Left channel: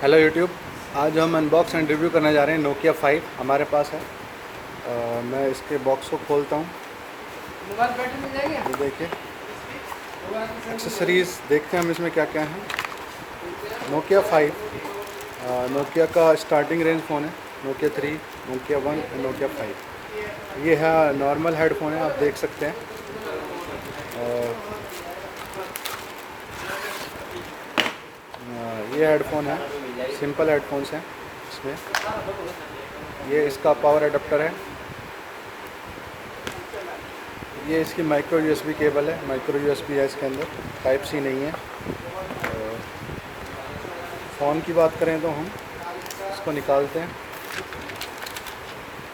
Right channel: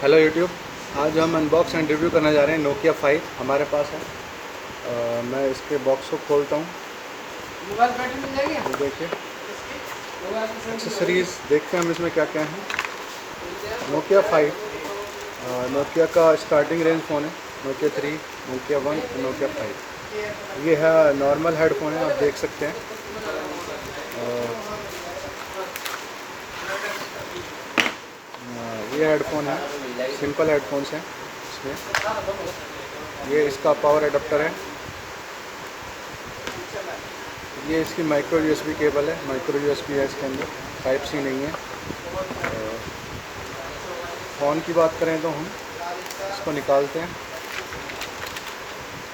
Hello YouTube. आज हम unbox and review करने जा रहे हैं नोकिया 5 हमारे पास है। मैं इसके बॉक्स को खोलता हूँ। ये देखिए एक्सेसरीज़ देखते हैं हम इसमें क्या क्या है। नोकिया 5 नोकिया का स्टार्टिंग रेंज फ़ोन है। नोकिया 3, नोकिया 1 और नोकिया 5। ये है नॉर्मल हेडफोन है, आप देख सकते हैं। ये हेडफोन है, सिंपल हेडफोन्स हैं इसमें। ये इसका पावर एडाप्टर है। ये इसकी माइक्रो यूएसबी केबल है, माइक्रो यूएसबी है इसके अंदर, टाइप सी नहीं है। फ़ोन की बात करें तो हम इसको निकालते हैं।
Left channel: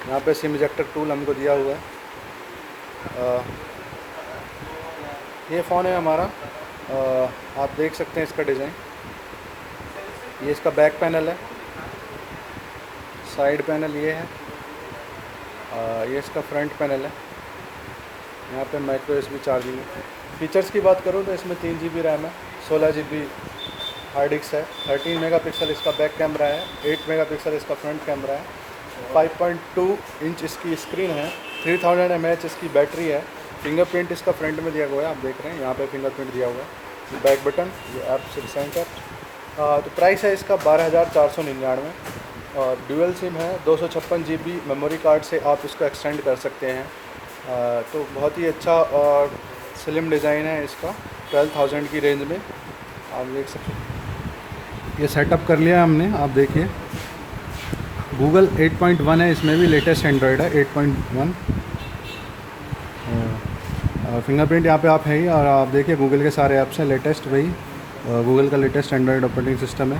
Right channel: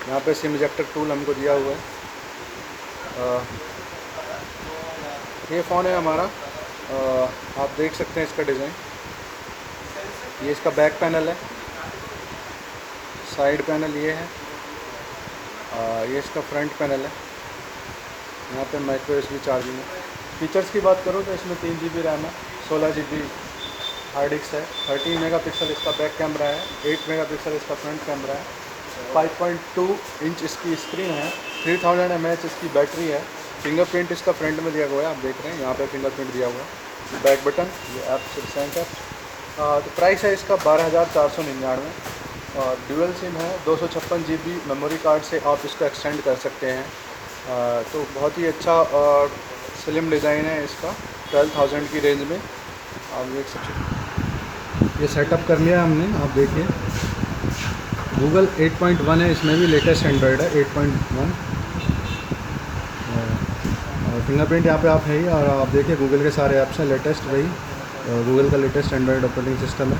यहाँ पे सिम इजेक्टर टूल हमको दिया हुआ है। ये फ़ोन है हमारा। आप देख सकते हैं इसका डिज़ाइन। ये इसका बैक पैनल है, साइड पैनल ये है, ये इसका फ्रंट पैनल है। यहाँ पे माइक्रो यूएसबी चार्जिंग है। फीचर्स की बात करूँ तो इसमें 3 GB रैम है, 16 GB हार्ड डिस्क है, 13 मेगापिक्सल इसका बैक कैमरा है, 8 मेगापिक्सल इसका फ्रंट कैमरा है, 5.2 इंच इसकी स्क्रीन है, 3000 mAh इसकी बैटरी है। फिंगरप्रिंट इसका फ्रंट में दिया हुआ है, आप देख रहे हैं यहाँ पे फिंगरप्रिंट दिया हुआ है। बैक बटन, ये ऐप से सेंट ऐप। तो प्राइस है इसका 12,499 और ड्यूअल सिम है। 256 GB मेमोरी कार्ड से आप इसको एक्सटेंड कर सकते हैं। तो बहुत ही अच्छा स्लिम डिज़ाइन है इसका, 12,000 की रेंज में। आप देख सकते हैं ये सेटअप कर लिया है हमने, आप देखिए। गूगल 8.1 है, इसमें भी लेटेस्ट एंड्रॉयड है 8.1। और फिंगरप्रिंट यहाँ पे आप है ही, और आप देखिए गूगल के सारे ऐप्स हैं लेटेस्ट, वही गूगल का लेटेस्ट एंड्रॉयड ऑपरेटिंग सिस्टम है।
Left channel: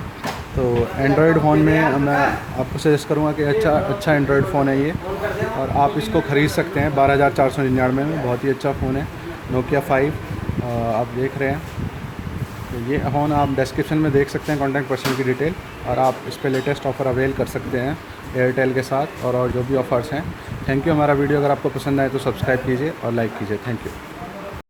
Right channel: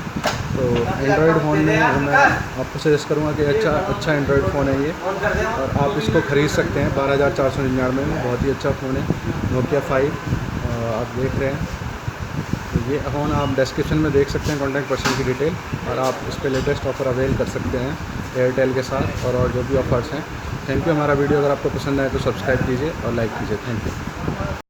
तो एंड्रॉयड फ़ोन में मैं आपको सजेस्ट करूँगा कि अच्छा एंड्रॉयड फ़ोन है ये, और आप इसको ख़रीद सकते हैं 12,499 में। बहुत ही अच्छा फ़ोन है नोकिया 5, आप देख रहे हैं। तो ये फ़ोन आप डिस्क्रिप्शन में देख सकते हैं कॉन्टैक्ट पर्सन की डिटेल, और आप इस पर लेटेस्ट ऑफ़र अवेल कर सकते हैं एयरटेल के साथ, और जो भी ऑफ़र्स हैं। Thank you. हमारा वीडियो अगर आपको पसंद आए तो सब्सक्राइब कीजिए और लाइक कीजिए। Thank you.